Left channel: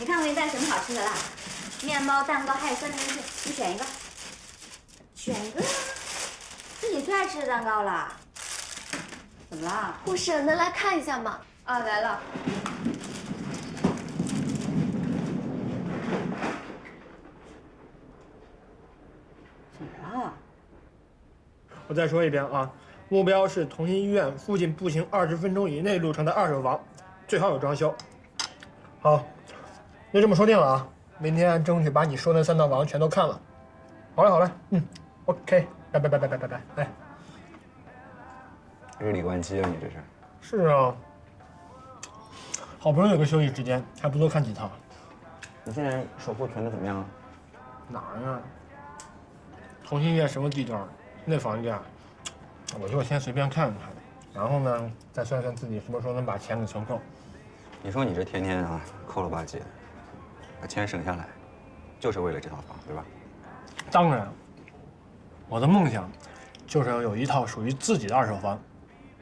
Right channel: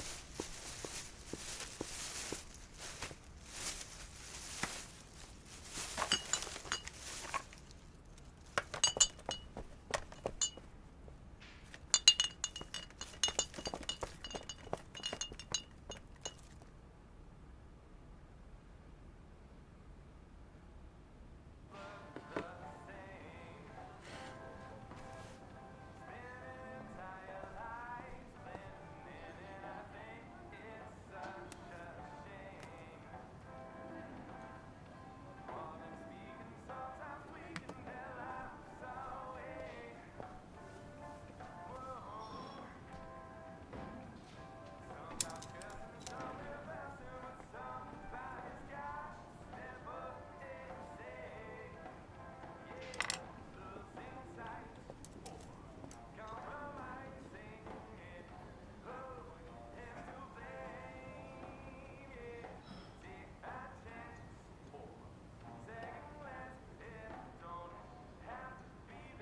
你看我给你带什么好吃的啦？面包、蛋糕还有酸甜甜，你选一个。选一个呀，是你最爱吃的蛋糕啦。怎么啦？护士，能来看一下吗？啊，来了。怎么了？我再说一遍啊，目标是同心医院附近步行20分钟以内路程的2手房，最好有装修。好，就这么说定了啊！明天争取把你说的3套房全都看了。好嘞，好嘞，OK， 拜拜拜拜拜拜拜，哎。日理万机啊，你这是？是啊，好不容易有个休息时间，还不多看几套。你现在守护囤的怎么样了？哪儿呀？同心医院什么地段？那房价，我就先随便看看，然后呢，再算算自己什么时候能把钱给存够。你说你这天天啊抠了吧唧，把钱省下来，就是为了这套房，对吧？当然，我的梦想就是要有一套属于自己的2手房，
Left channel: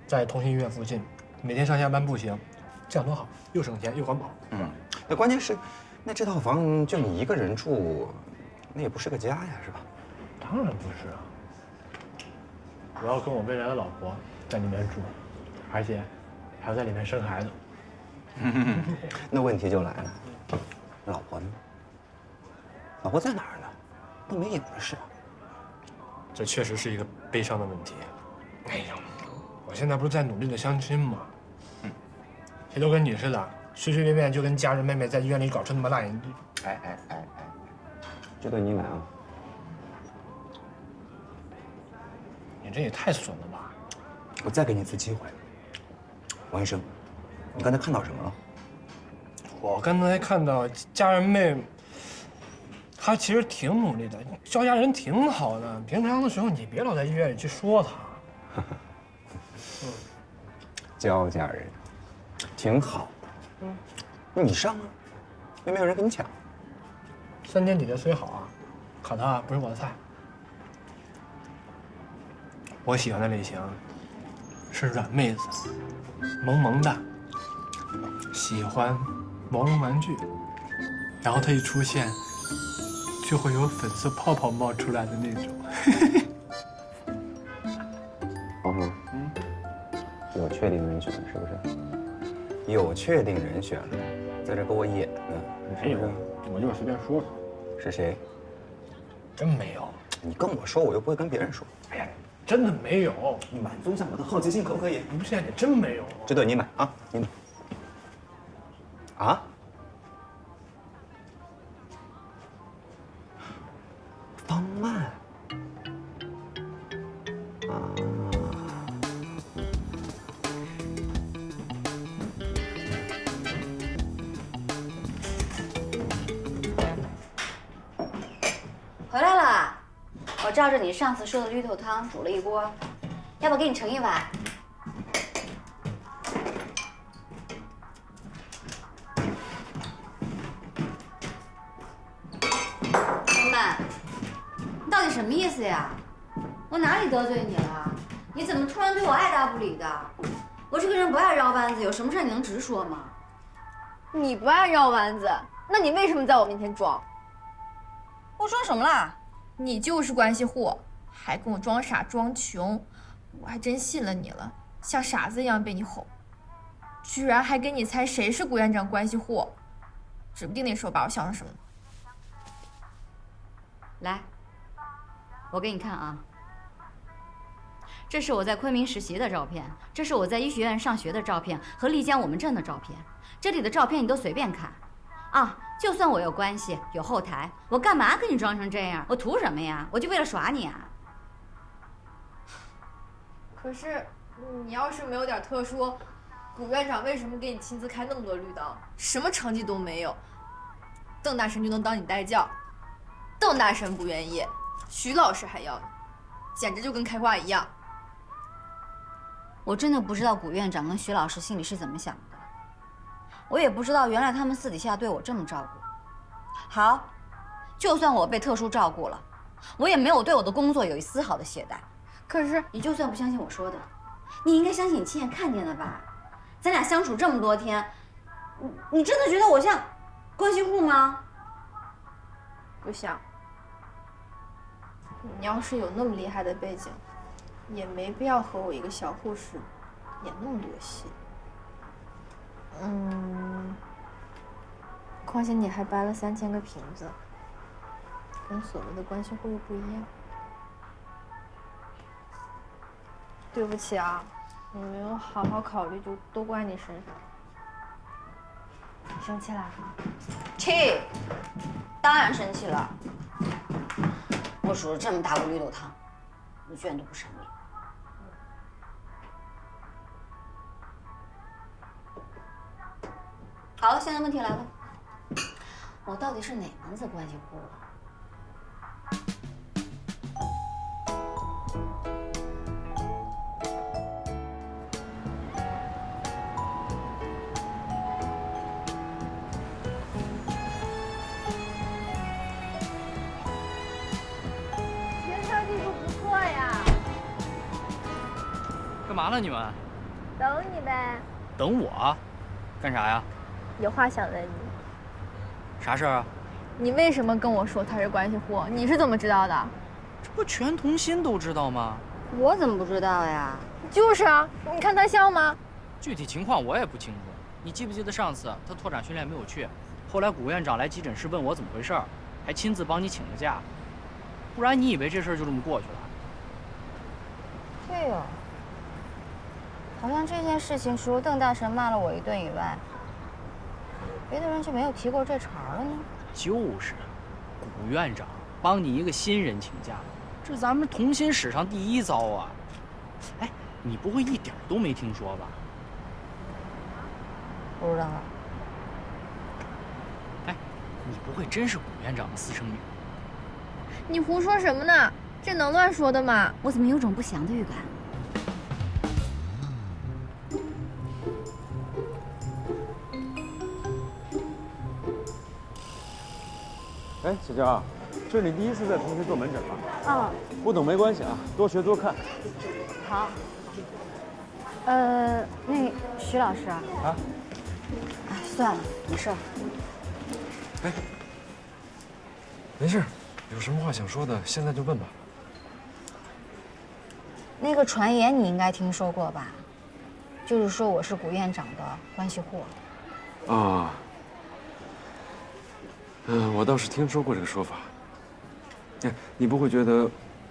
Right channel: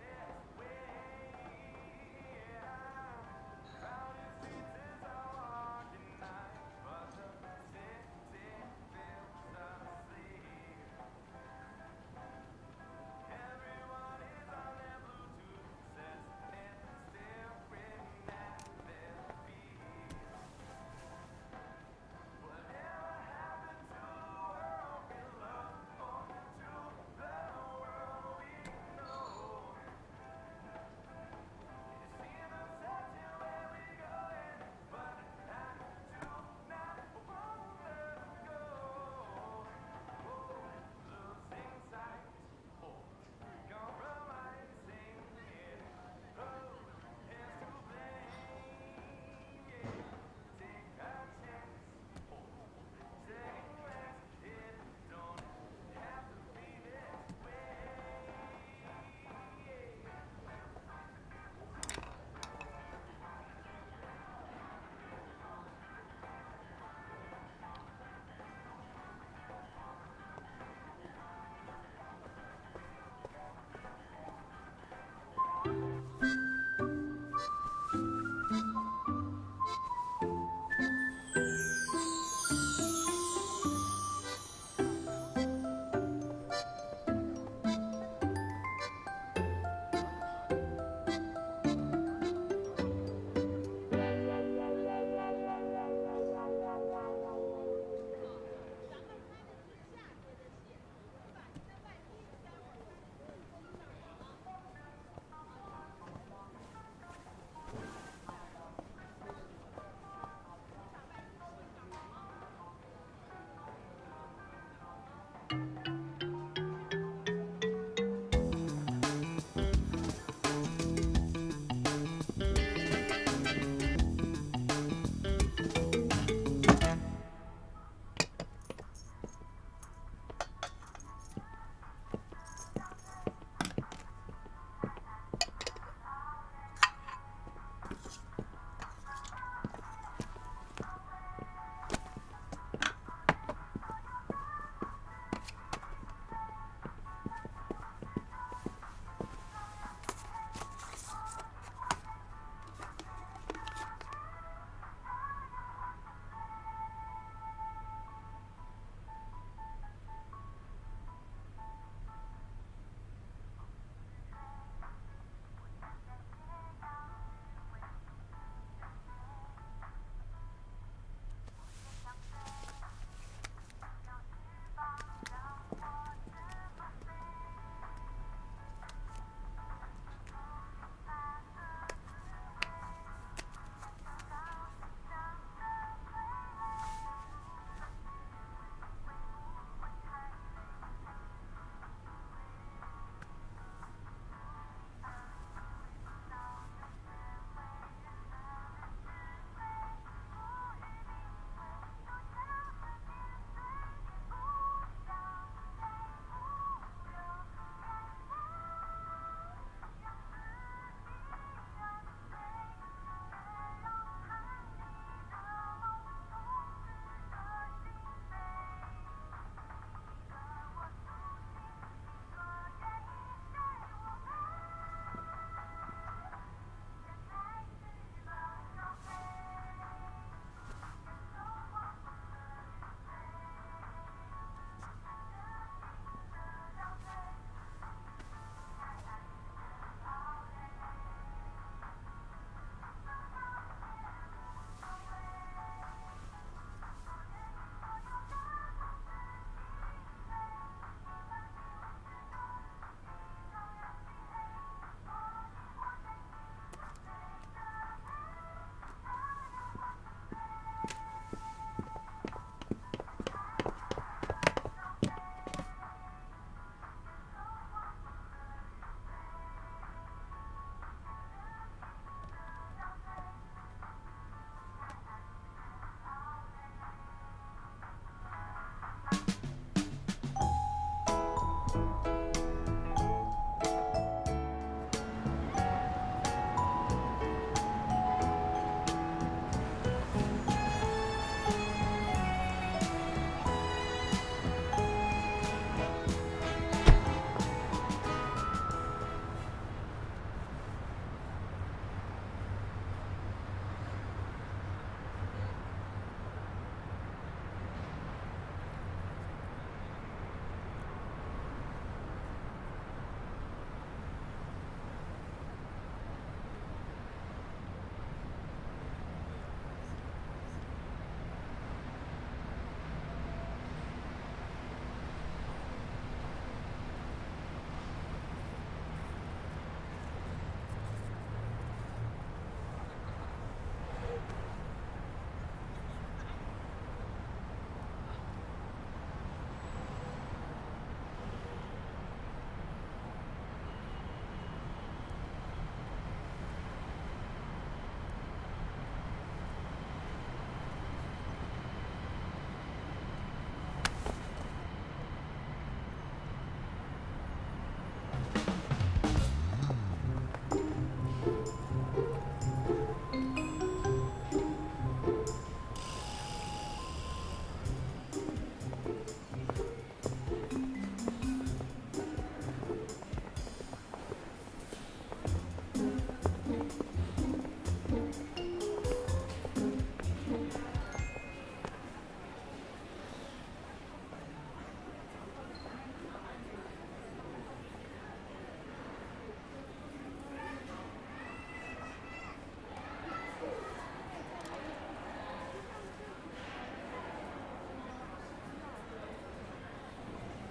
在同心医院附近，每天上下班步行，这样多好，又省钱又环保。那关键是，那这套房就你一个人住，那也不是个家呀，是吧？当然不是啊，我要跟我未来的老婆在里面住，而且还要在里面生孩子。那问题就来了，老婆呢？老婆在哪儿呢？都没影子是。这确实是一个悲伤的问题。哎呀，我现在不是在努力的相亲吗？谁都跟你似的，随随便便就跟家人妹妹在医院里搞出那么大眼地。哎，这对你难啊！你这也太损了吧！我再给你一次机会，王医生，你刚才看到什么了？我刚才看到家人妹，她其实挺努力的，教家人挺好的。平常的时候你别老在医院里去说她。教家人，挺好的。你上啊，又没有人跟你抢。3天底的虽好啊，可她不是我的菜。我喜欢的类型是软妹子，萌萌的，喜欢毛绒玩具，然后她一出现，就会有粉色泡泡冒出来的那种。黄宏，有确定人选是不是？有确定人选了，在这给我演呢，没有，我就是随便说说。是谁？真没有。你跟我说，我又不会跟别人说。哎呀，真的没有。你满足一下我的好奇心，可不可以？不是，你真没有。这对你买啊，你买。啊？方曼。回来了，我照着你上次说的绿豆汤煮了一锅，要不给你盛一碗？东曼，你到底什么意思呀？我哪里得罪你了？你怎么突然对我爱答不理的？我这个人不爱绕弯子，有什么事你能直说吗？你不爱绕弯子，那你为什么在我面前装？我装什么啦？你就是关系户，还跟我装傻装穷，我还真信了你了，像傻子一样被你哄，居然还给你猜谁是谷院长关系户，指不定那时候把我想成什么。来，我给你看啊，这是我在昆明实习的照片，这是我在医学院上学的照片和丽江我们镇的照片，这里的照片你都随便看，啊。就算我有关系有后台，我干嘛跟你装成这样？我图什么呀？我就为了耍你啊！可是，你要是没有点特殊，谷院长为什么给你亲自开那么多绿刀？什么成绩都没有，邓大神就能当你代教，邓大神不愿意，徐老师还要你，简直就跟开花一样。我真的不知道谷院长跟徐老师心里是怎么想的。我也不知道，原来他们私底下对我这么照顾。好，就算我被特殊照顾了，我也没有对我的工作有一丝毫的懈怠。可是，你就算不相信我说的，你应该相信你亲眼看见的吧？咱俩相处这么多天，你真的觉得我像关系户吗？不想。你要是有那么厉害的背景，也没必要和我一个小护士演那么多戏。况且你还掰了3000个瓶子，跟所谓的关系户又不一样。对不起啊，我没有好好考虑，就都怪你身上。你生气了？气，当然生气了。我煮了这么大锅绿豆汤，你居然都不省力。好，现在问题来了，我到底是哪门子关系户？干嘛呢你们？等你呗，等我？干啥呀？有话想问你。啥事儿啊？你为什么跟我说他是关系户？你是怎么知道的？这不全同心都知道吗？我怎么不知道呀？就是啊，你看他像吗？具体情况我也不清楚。你记不记得上次他拓展训练没有去，后来古院长来急诊室问我怎么回事儿，还亲自帮你请了假。不然你以为这事儿就这么过去了？对哦，好像这件事情除了邓大神骂了我一顿以外，别的人就没有提过这茬了呢。就是，古院长帮你一个新人请假，这咱们同心史上第一遭啊！哎，你不会一点都没听说吧？不知道了。哎，你不会真是古院长的私生女？你胡说什么呢？这能乱说的吗？我怎么有种不祥的预感？哎，小娇，这是你第一次在同学做门诊吗？哦，不懂没关系啊，多学多看。好。那个徐老师啊。啊？哎，算了，没事。哎，没事，有什么话想说的，现在就问吧。那个传言你应该听说过吧？就是说我是古院长的关系户。啊。我倒是听说过这个说法。哎，你不会觉得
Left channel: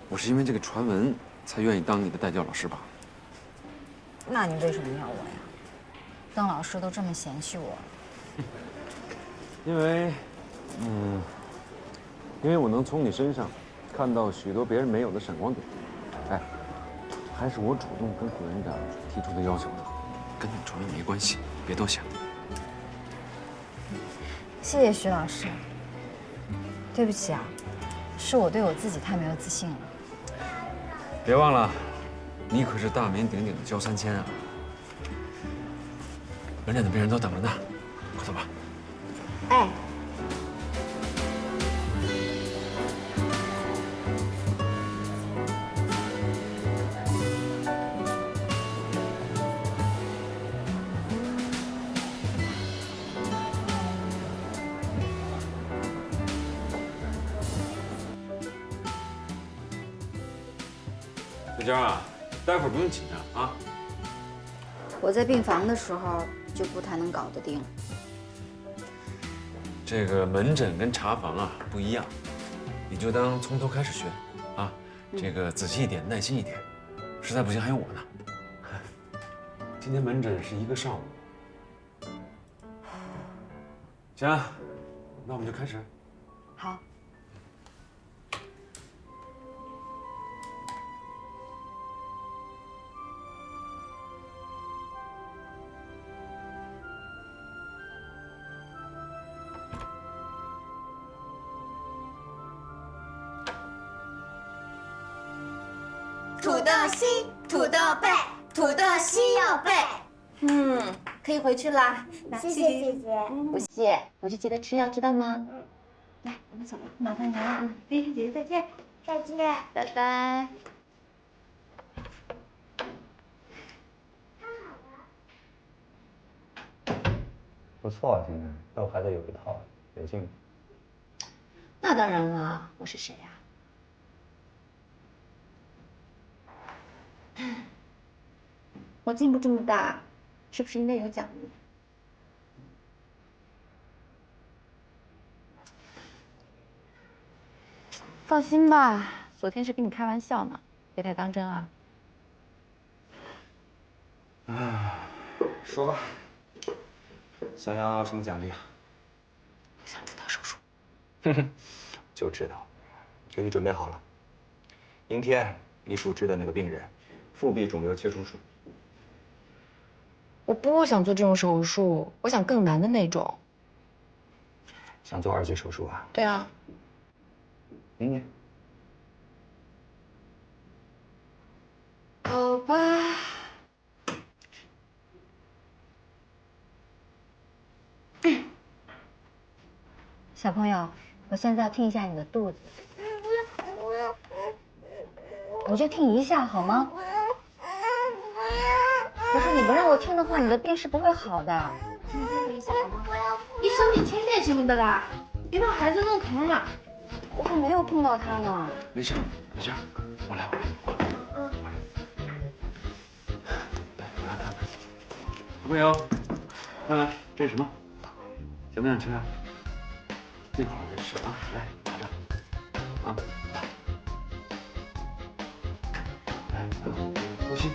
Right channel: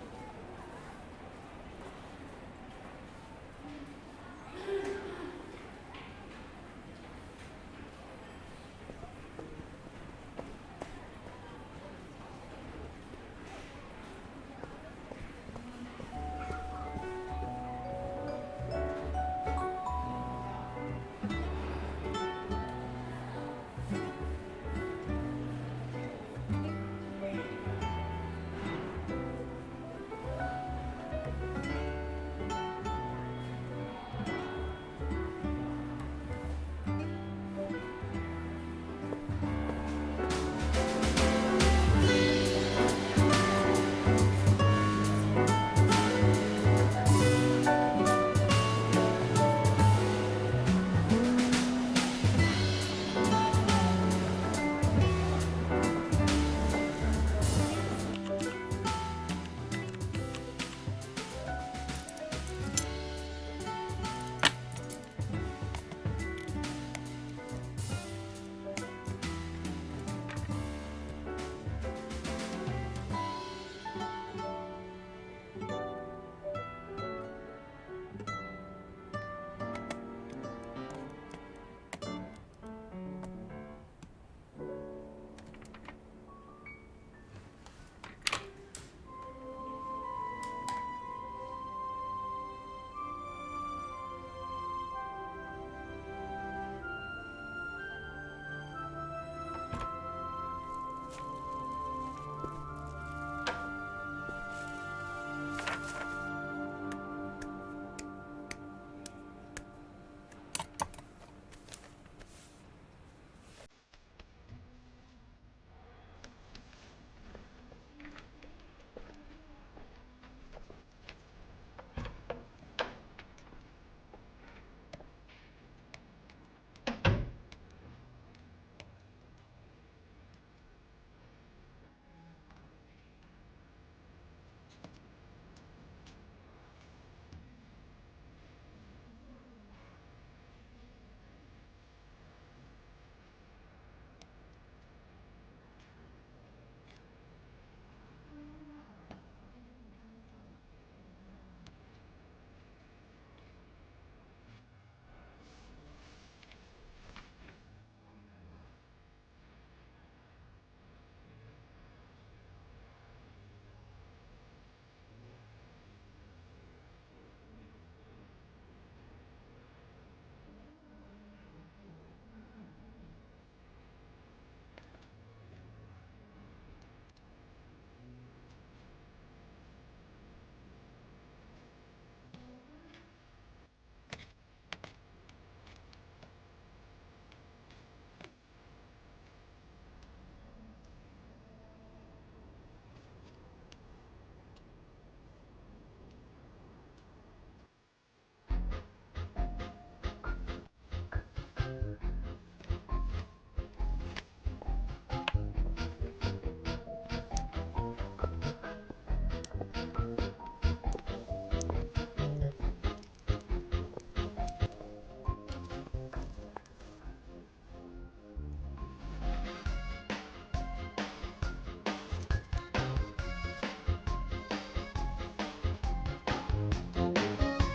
我是因为这个传闻才愿意当你的代教老师吧？那你为什么要我呀？邓老师都这么嫌弃我。因为我能从你身上看到许多别人没有的闪光点。哎，还是我主动跟古院长提出的要求的，跟你主任没关系，别多想。谢谢徐老师。对不起啊，是我对我自己太没有自信了。别忘了，你可是大名鼎鼎的焦3000啊！门诊的病人都等着呢，快走吧。哎。小娇啊，待会儿不用紧张啊。我在病房的时候就不太能搞得定。这个门诊跟查房啊不一样，你就当从头开始学啊。这个仔细一点，耐心一点，实在不行还有我呢。今天门诊是1个上午。行，那我们就开始。好。土豆西，土豆背，土豆西要背。可以回去啦。谢谢姐姐。不谢，回去记得吃药，知道吗？来，我们走，麻烦您了。姐姐再见。再见。拜拜。不错啊，今天豆还得有一套。北京。那当然了，我是谁呀？我进步这么大，是不是应该有奖励？放心吧，昨天是跟你开玩笑呢，别太当真啊。说吧，想要什么奖励啊？想知道手术。就知道，给你准备好了。明天你主治的那个病人，腹壁肿瘤切除术。我不想做这种手术，我想更难的那种。想做2级手术啊？对啊。明年。好吧。小朋友，我现在要听一下你的肚子，我就听一下好吗？可是你不让我听的话，你的病是不会好的。听一下好吗？医生，你听见什么的啦？别把孩子弄疼了。我还没有碰到他呢。没事，没事，我来。小朋友，看看这是什么？想不想吃啊？最好的是啊，来，啊，呼吸。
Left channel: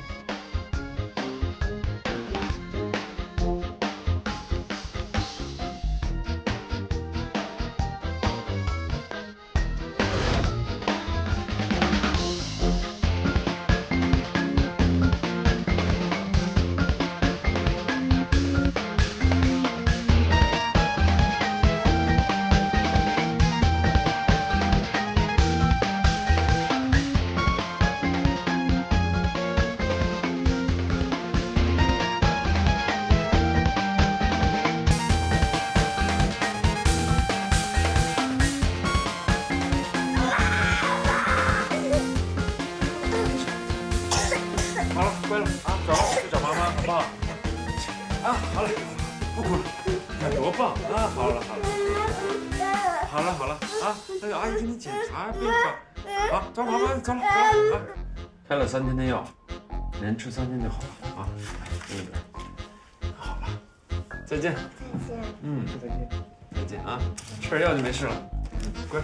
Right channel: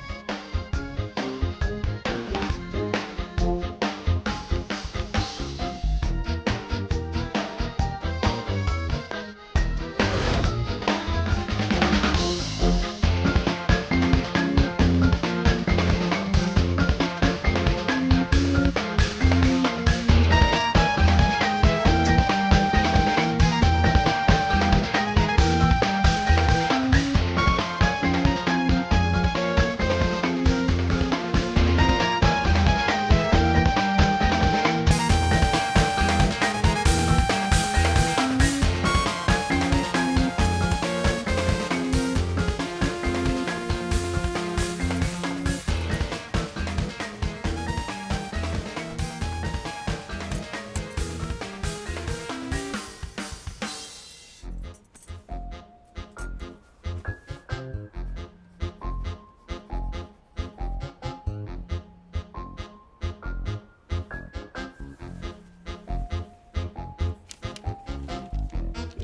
开了3天的药，连吃3天就好了啊。好了，再见。再见啊，吃点药就没事了，乖。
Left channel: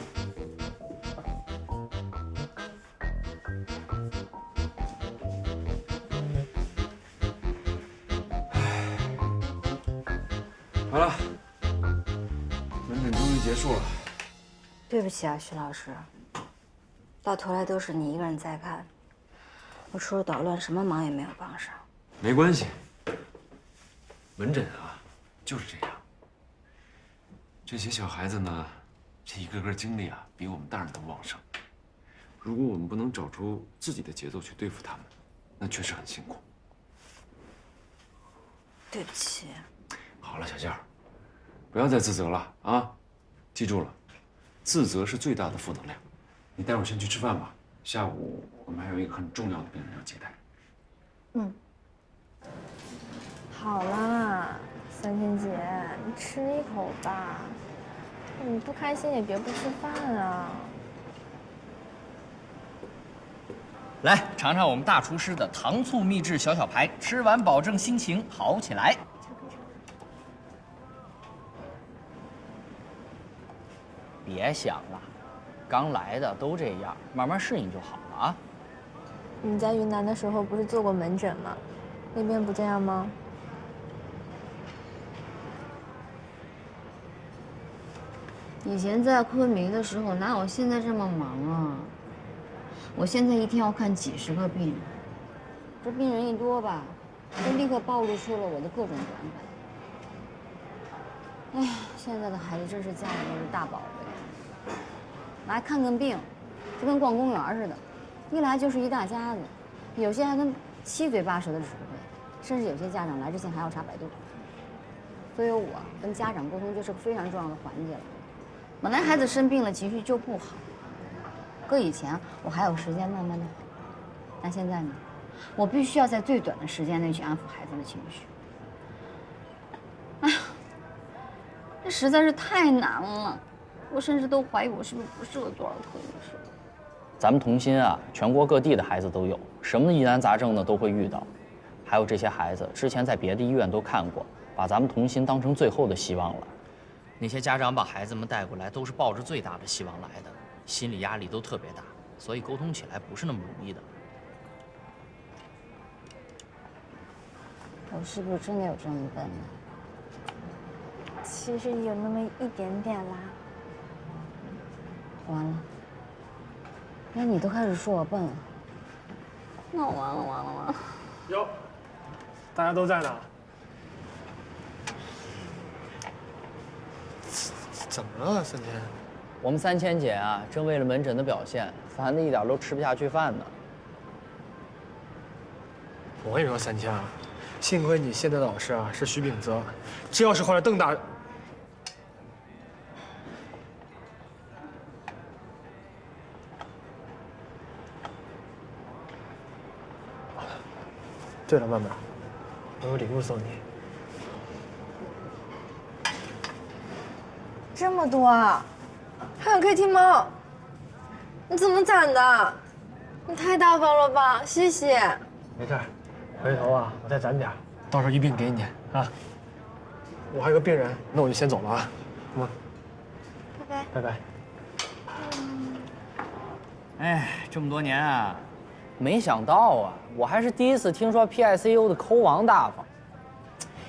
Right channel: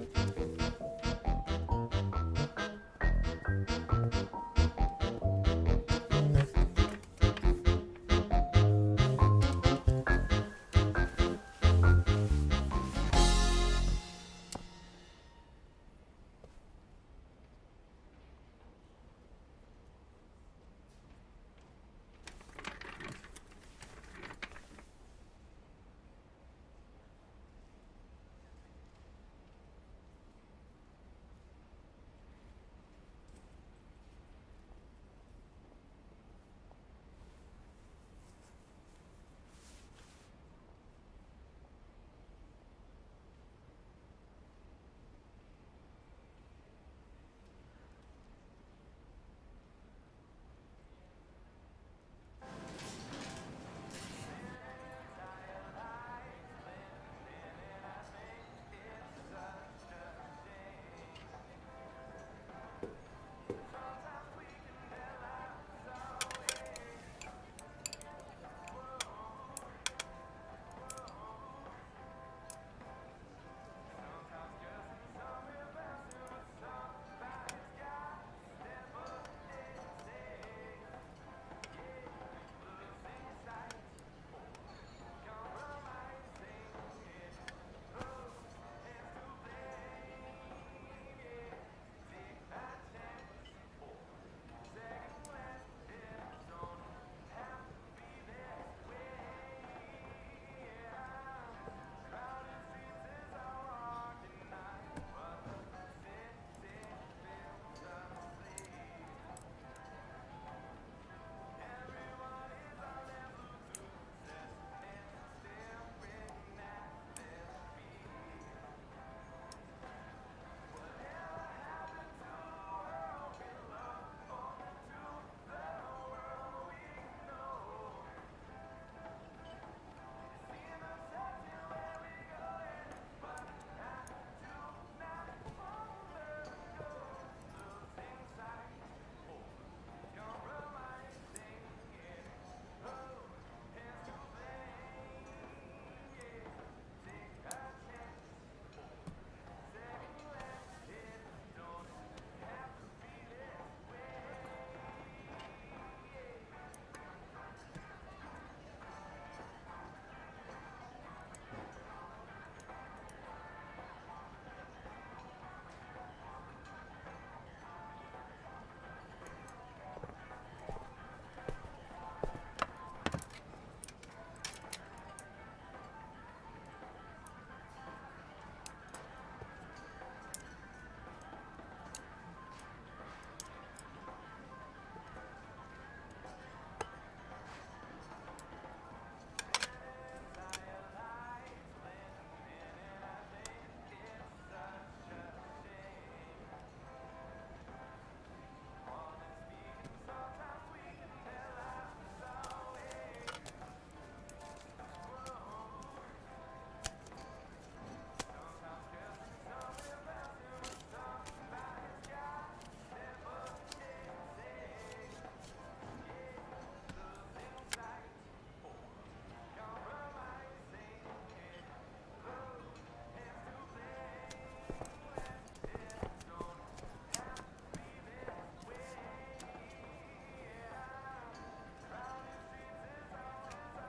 好了，门诊终于结束了。对不起啊，徐老师，到头来都是你一个人在看，我除了捣乱，什么忙也没有帮上。没关系，门诊啊，就是这样。这些小孩子呢，这一个个精力啊，比我们大人都旺盛。如果我们不能找出自己的节奏去对付他们，那确实很辛苦。对不起。好了，小件儿，不要再自责了啊！记住了，自责是最大的负能量。你待会儿先去吃饭吧，下午我们还有一个很重要的病人要接待。好啦，三千姐，你吃一口吧。你不开心也别不吃饭啊。来尝尝我们大厨师的糖醋秘制小排，吃完保证心情好起来。别想了，刚来的都这样，慢慢适应就好了啊。你在云南的时候不是做过门诊吗？那边不这样吗？以前在昆明的时候，哪有现在这么忙啊？我现在一天要看几10个病人，这病人一多吧，就立刻暴露出了我的各种短板。哎呀，现在的孩子真是家里面的大宝贝，来看看病，就跟逛公园似的，一来就是一大家子，有些还跟7嘴8舌的指挥，甚至有些家长来之前还要查百度。所以我跟家长沟通就是个非常重要的环节了。本来孩子生病了，情绪就不好。搁以前我还有时间慢慢的，但现在呢，我必须要在最短的时间内去安抚孩子的情绪。哎呀，这实在是太难了，我甚至都怀疑我是不是不适合做儿科医生。咱们童心啊，全国各地的孩子都有，什么疑难杂症呢都会遇到。还有这些孩子之前在别的医院都看过，把咱们童心当成最后的希望了。那些家长把孩子们带过来，都是抱着最大的希望来的，心理压力都特别大，所以沟通起来不是那么容易的。我是不是真的有这么笨呢？其实有那么一点点啦。完了，那你都开始说我笨了，那完了。哟，大家都在呢。怎么了，三千？我们3000姐啊，正为了门诊的表现，烦得一点都吃不下去饭呢。我跟你说，三千啊，幸亏你现在的老师啊是徐秉泽，这要是换了邓大，对了，曼曼，我有礼物送你。这么多啊！还有 KT 猫，你怎么攒的？你太大方了吧，谢谢。没事，回头啊我再攒点，到时候一并给你啊。我还有个病人，那我就先走了啊。好吗？拜拜。拜拜。哎，这么多年啊，没想到啊，我还是第一次听说 PICU 的抠王大方。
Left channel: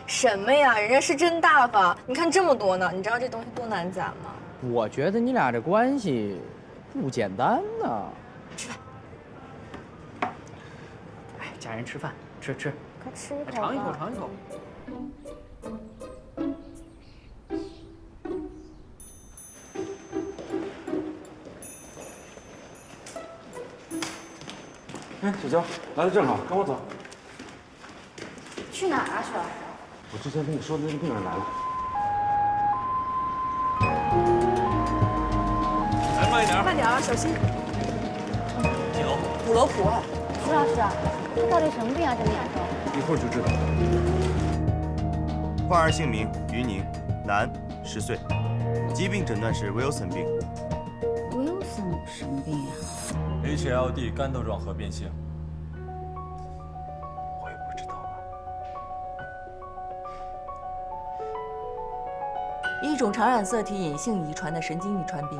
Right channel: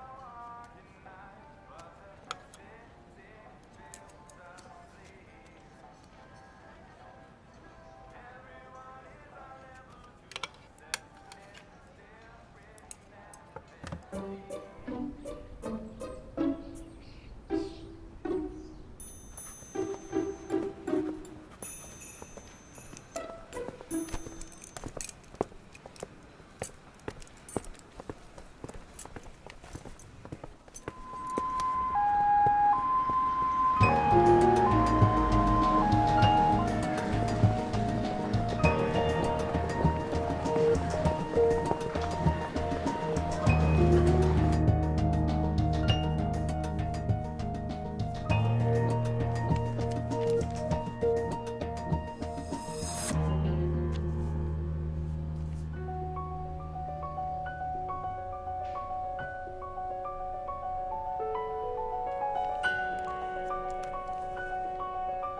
什么呀？人家是真大方，你看这么多呢，你知道这东西多难攒吗？我觉得你俩这关系不简单呢。吃饭。哎，家人吃饭，吃。快吃一口吧。尝一口，尝一口。哎，小娇，来的正好，跟我走。去哪儿啊，雪？我之前跟你说的那个病人来了。来，慢一点。快点啊，小心。德国，徐老师，到底什么病啊，这里？一会儿就知道。患儿姓名于宁，男，10岁，疾病诊断是Wilson病。Wilson 什么病啊 ？HLD 肝窦状核变性。我也不知道啊。一种常染色体隐性遗传的神经遗传病，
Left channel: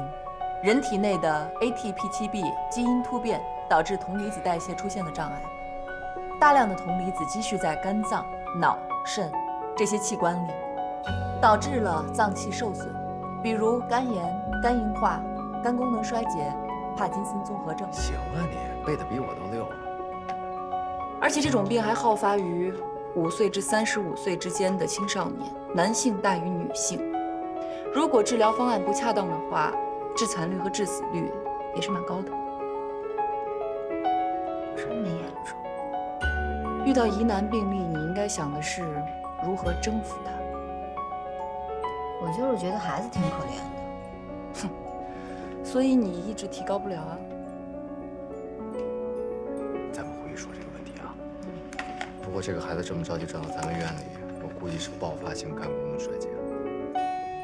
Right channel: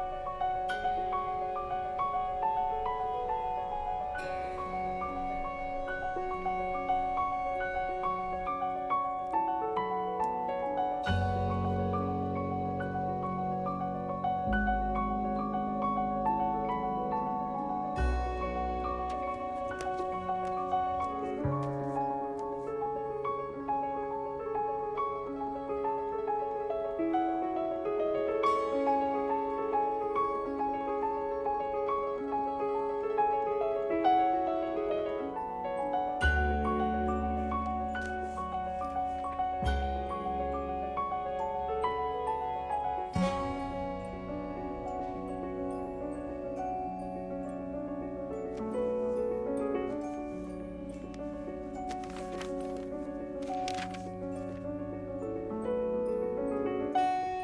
人体内的 ATP7B 基因突变导致铜离子代谢出现了障碍，大量的铜离子积蓄在肝脏、脑、肾这些器官里，导致了脏器受损，比如肝炎、肝硬化、肝功能衰竭、帕金森综合症。行啊你，背的比我都溜。而且这种病还好发于5岁至35岁之间的青少年，男性大于女性。如果治疗方案不恰当的话，致残率和致死率也是蛮高的。这么严重？遇到疑难病例，你应该想的是如何征服它。我就是觉得孩子挺可怜的。所以你意志提高不了啊。咱们回去说这个问题啊。不过这个孩子这么着急转到咱们院里，我估计是爆发性肝功能衰竭。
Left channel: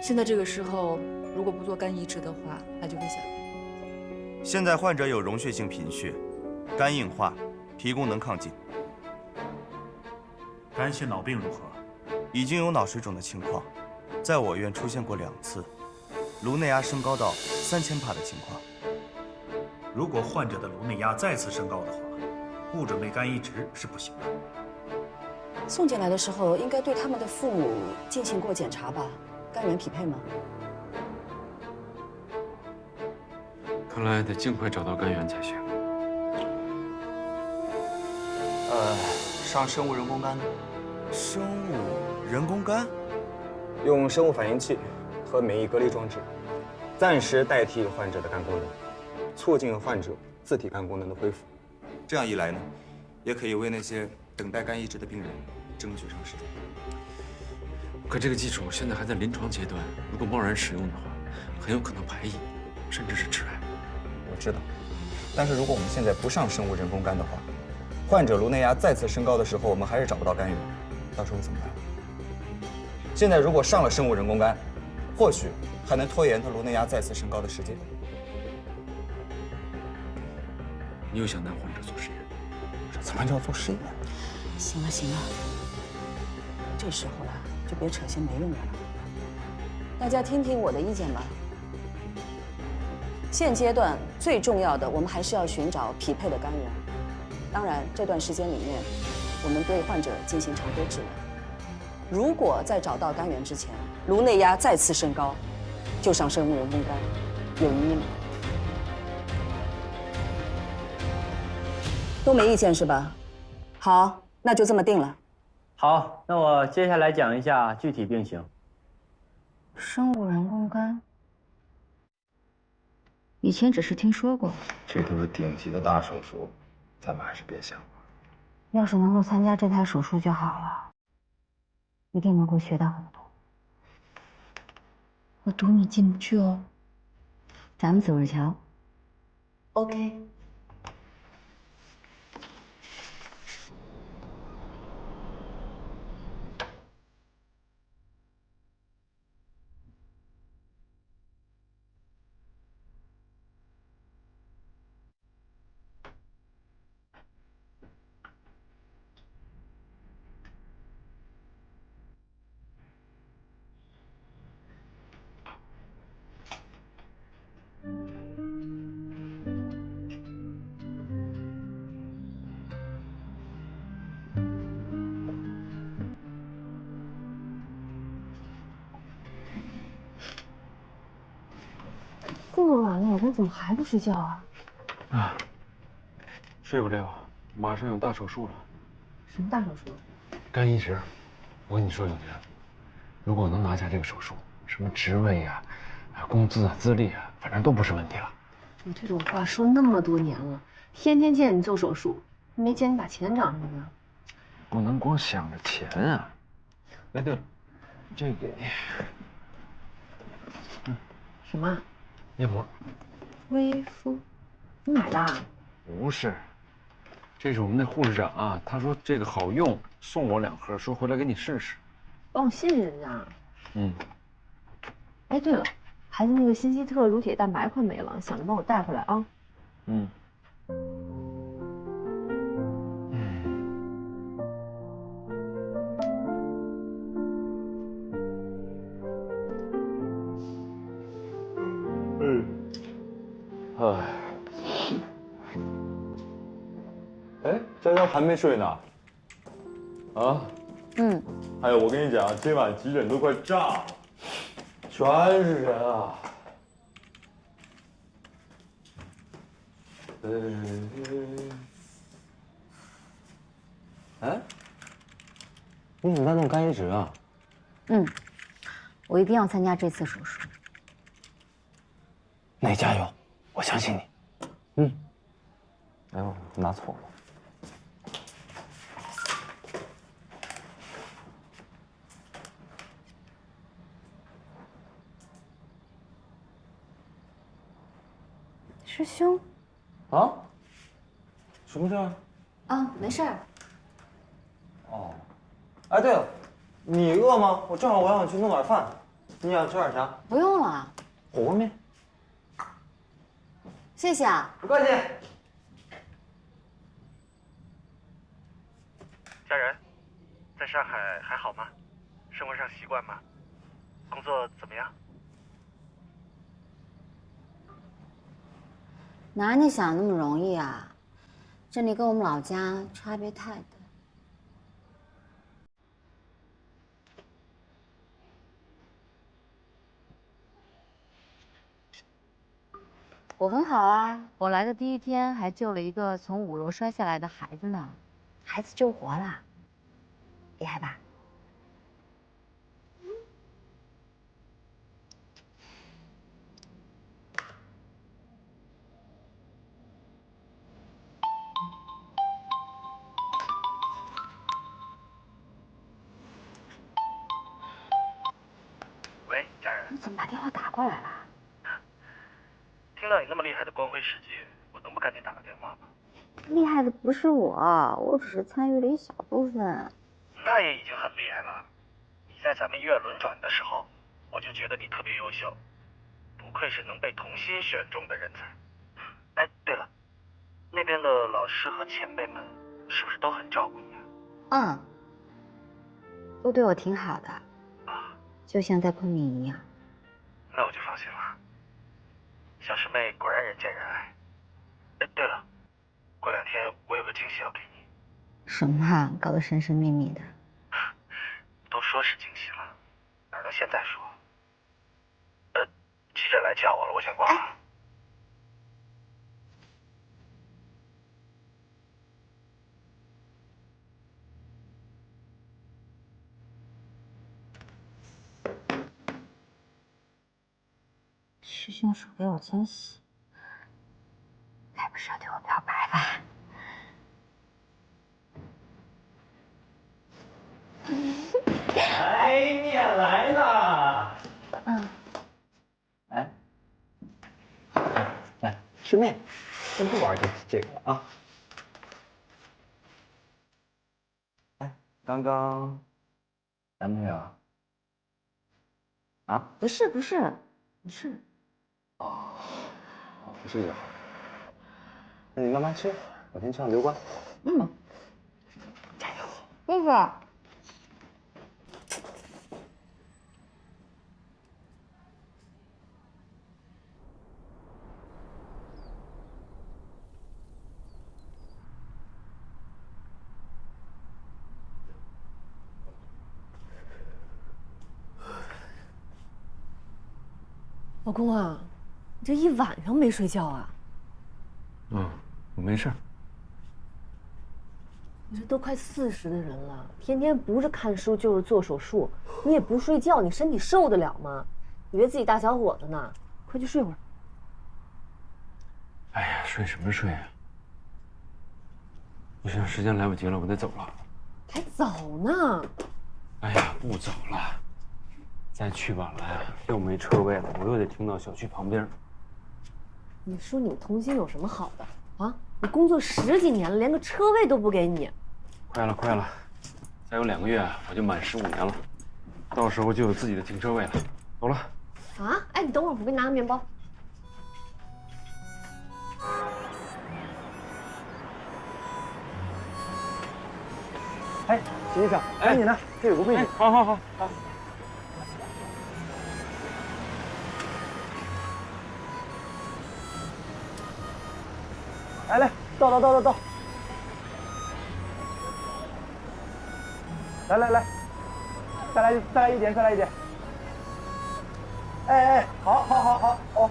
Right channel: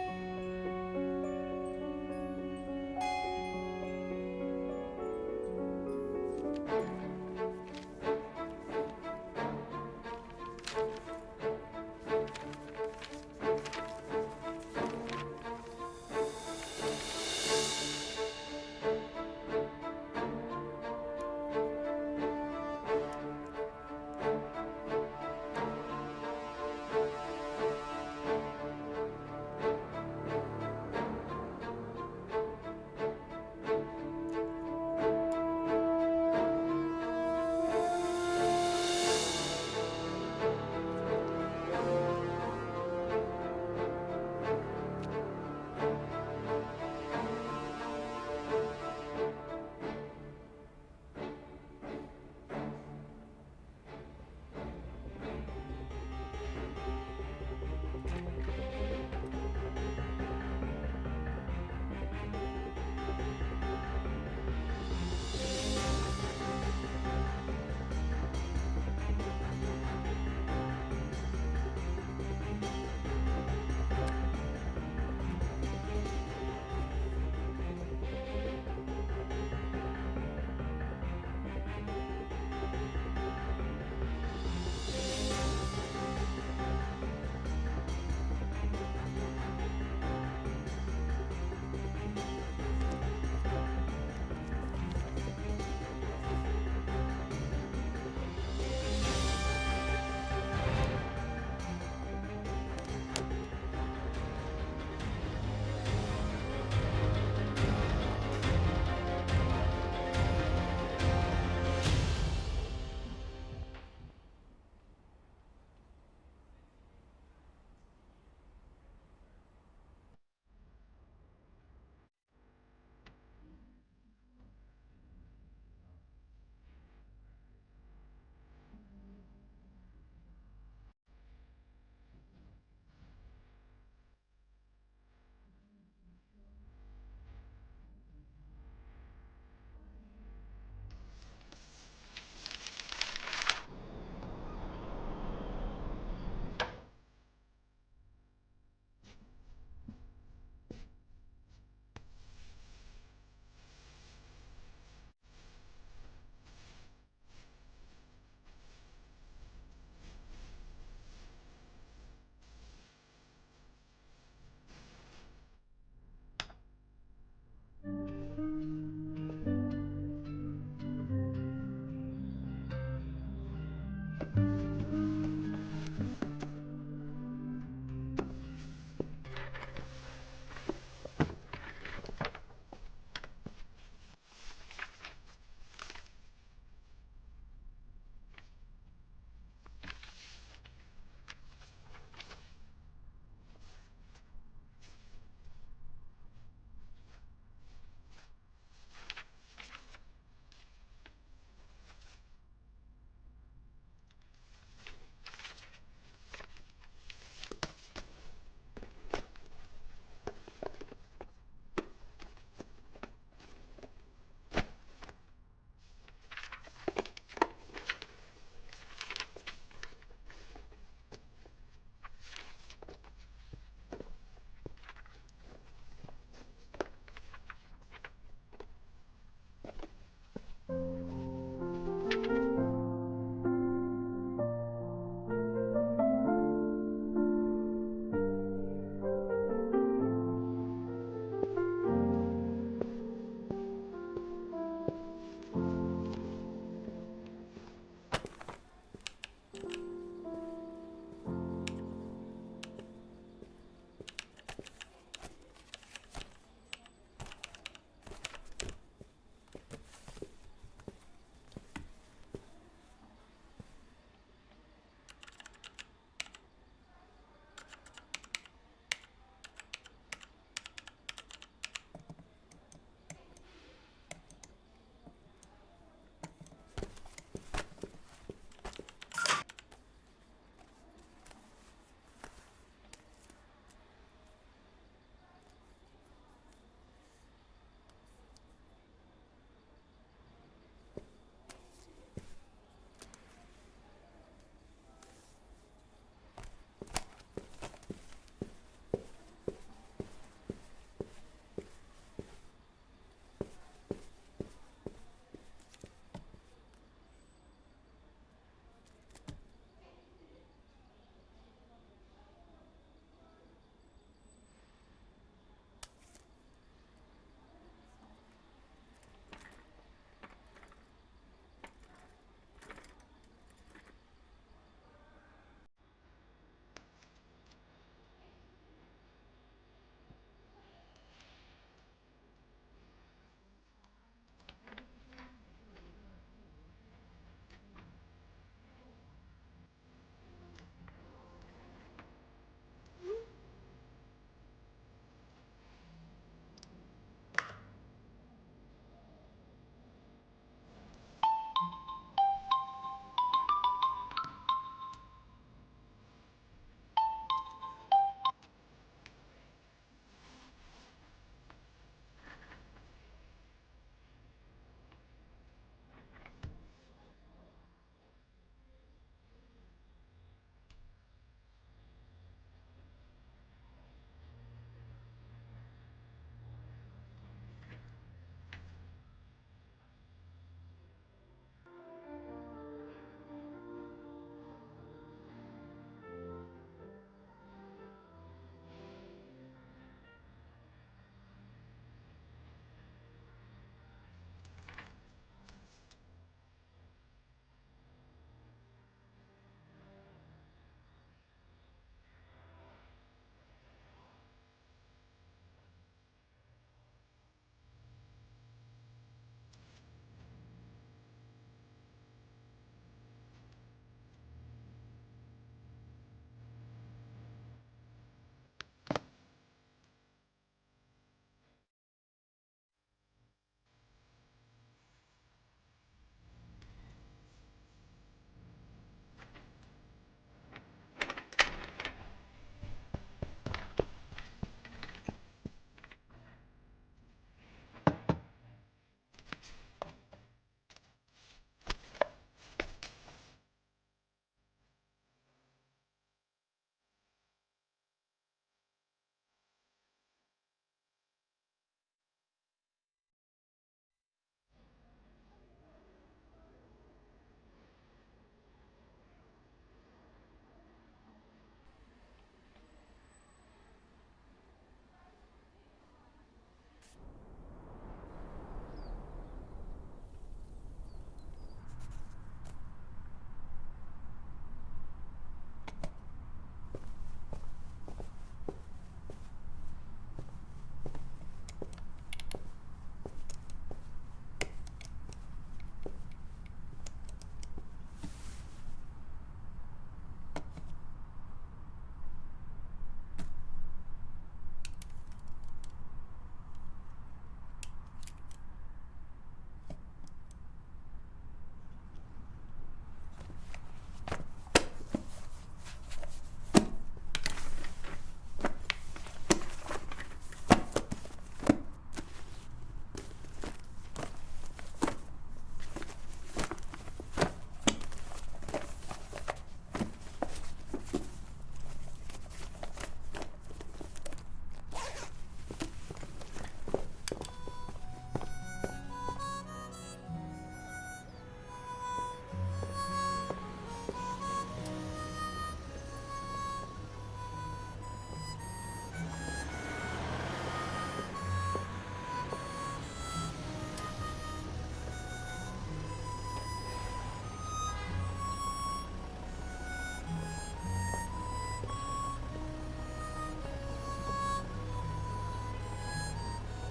现在这个时候，如果不做肝移植的话，那就危险。现在患者有溶血性贫血、肝硬化、脾功能亢进。肝系脑病如何？已经有脑水肿的情况，在我院出现过2次，颅内压升高到3000帕的情况。如果患者的颅内压再次升高的话，不准备肝移植是不行的。送进来的时候，应该对他们的父母进行过检查吧？肝源匹配吗？看来得尽快找到肝源才行。上生物人工肝。生物人工肝？用生物反应器和免疫隔离装置，暂时代替患者的肝功能，促进患者自体肝功能的恢复。这样一来呢，也可以为那些等待肝移植的病人争取上时间。可这个技术现在还在临床阶段，如果贸然使用的话，很有可能排异，甚至是致癌。我知道，但是如果我们现在不上生物人工肝的话，患者颅内压再次升高的时候，我们还是找不到肝源，到时候怎么办？现在如果上了生物人工肝，或许还能拖延卢内亚再次升高的时间。你又想拿患者做实验？这怎么叫做实验？行了行了，这时候了就别扯闲别人了。大家听听我的意见吧。现阶段最重要的，我们还是要寻找匹配的肝源。当然，这段时间里面，我们对患者进行常规治疗。如果在找到肝源之前，颅内压再次升高，就上生物人工肝，有意义吗？都没意见是吧？好，那就这么定了。好，那我接下来讲一下具体病情。生物人工肝，以前只是听说过。这都是顶级的大手术，咱们还是别想了。要是能够参加这台手术就好了，一定能够学到很多。我赌你进不去哦。咱们走着瞧。OK。这么晚了，你怎么还不睡觉啊？啊，睡不了，马上有大手术了。什么大手术？肝移植。我跟你说，永泉，如果能拿下这个手术，什么职位啊、工资啊、资历啊，反正都不是问题了。你这种话说那么多年了，天天见你做手术，没见你把钱涨上去呢。不能光想着钱啊！哎，对了，这给你。什么？面膜。微敷，你买的？不是，这是我们那护士长啊，他说这个好用，送我2盒，说回来给你试试。哦，谢谢人家。嗯。哎，对了，孩子那个新希特乳铁蛋白快没了，想着帮我带回来啊。嗯。哎，佳佳还没睡呢。啊？嗯。哎呦，我跟你讲，今晚急诊都快炸了，全是人啊。哎，你怎么在弄肝移植啊？嗯，我一定要参加这次手术。那你加油，我相信你。嗯。哎呦，拿错了。师兄。啊？什么事儿？啊，没事儿。哦。哎，对了，你饿吗？我正好我想去弄点饭，你想吃点啥？不用了，火锅面。谢谢啊。不客气。家人，在上海还好吗？生活上习惯吗？工作怎么样？哪你想那么容易啊？这里跟我们老家差别太大。我很好啊，我来的第一天还救了一个从5楼摔下来的孩子呢，孩子救活了，厉害吧？喂，家人。你怎么把电话打过来了？听到你那么厉害的光辉事迹，我能不赶紧打个电话吗？厉害的不是我只是参与了一小部分。那也已经很厉害了。你在咱们医院轮转的时候，我就觉得你特别优秀，不愧是能被童心选中的人才。哎，对了，那边的老师和前辈们是不是都很照顾你啊？都对我挺好的，就像在昆明一样。那我就放心了。小师妹果然人见人爱。哎，对了，过2天我有个惊喜要给你。什么啊？搞得神神秘秘的。都说是惊喜了，哪能现在说？记者来叫我了，我先挂了。师兄手给我惊喜，该不是要对我表白吧？哎，你也来了。来，师妹，先不玩这个啊。哎，刚刚男朋友啊？不是。哦，不是就好。那你慢慢吃，我先去趟刘关。加油！谢谢。老公啊，你这一晚上没睡觉啊？我没事。你这都快40的人了，天天不是看书就是做手术，你也不睡觉，你身体受得了吗？以为自己大小伙子呢，快去睡会儿。哎呀，睡什么睡啊？不行，时间来不及了，我得走了。还早呢。哎呀，不走了，再去晚了呀，又没车位了，我又得停到小区旁边。你说你们童心有什么好的啊？你工作10几年了，连个车位都不给你。快了，再有2个月我就满15年了，到时候就有自己的停车位了。走了。啊？哎，你等会儿，我给你拿个面包。哎，徐医生，赶紧的，这有个柜子。好。来，倒。来，再来一点。哎，好。哦。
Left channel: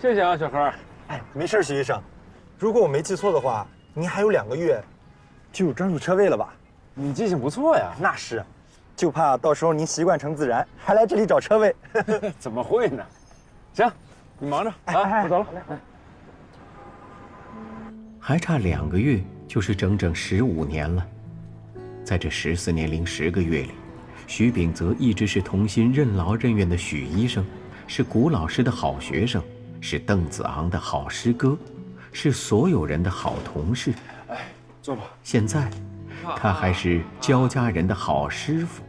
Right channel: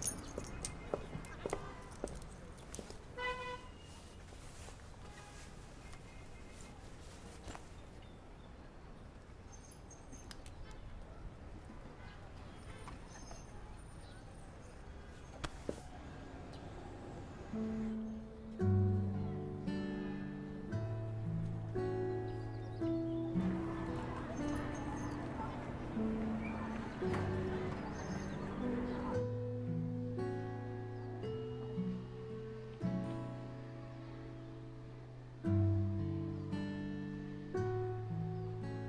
谢谢啊，小何。哎，没事，徐医生。如果我没记错的话，您还有2个月就有专属车位了吧？你记性不错呀。那是，就怕到时候您习惯成自然，还来这里找车位。怎么会呢？行，你忙着啊，我走了。还差2个月，就是整整15年了。在这14年零10个月里，徐秉泽一直是童心任劳任怨的许医生，是古老师的好学生，是邓子昂的好师哥，是所有人的好同事。哎，坐吧。现在，他还是焦家人的好师傅。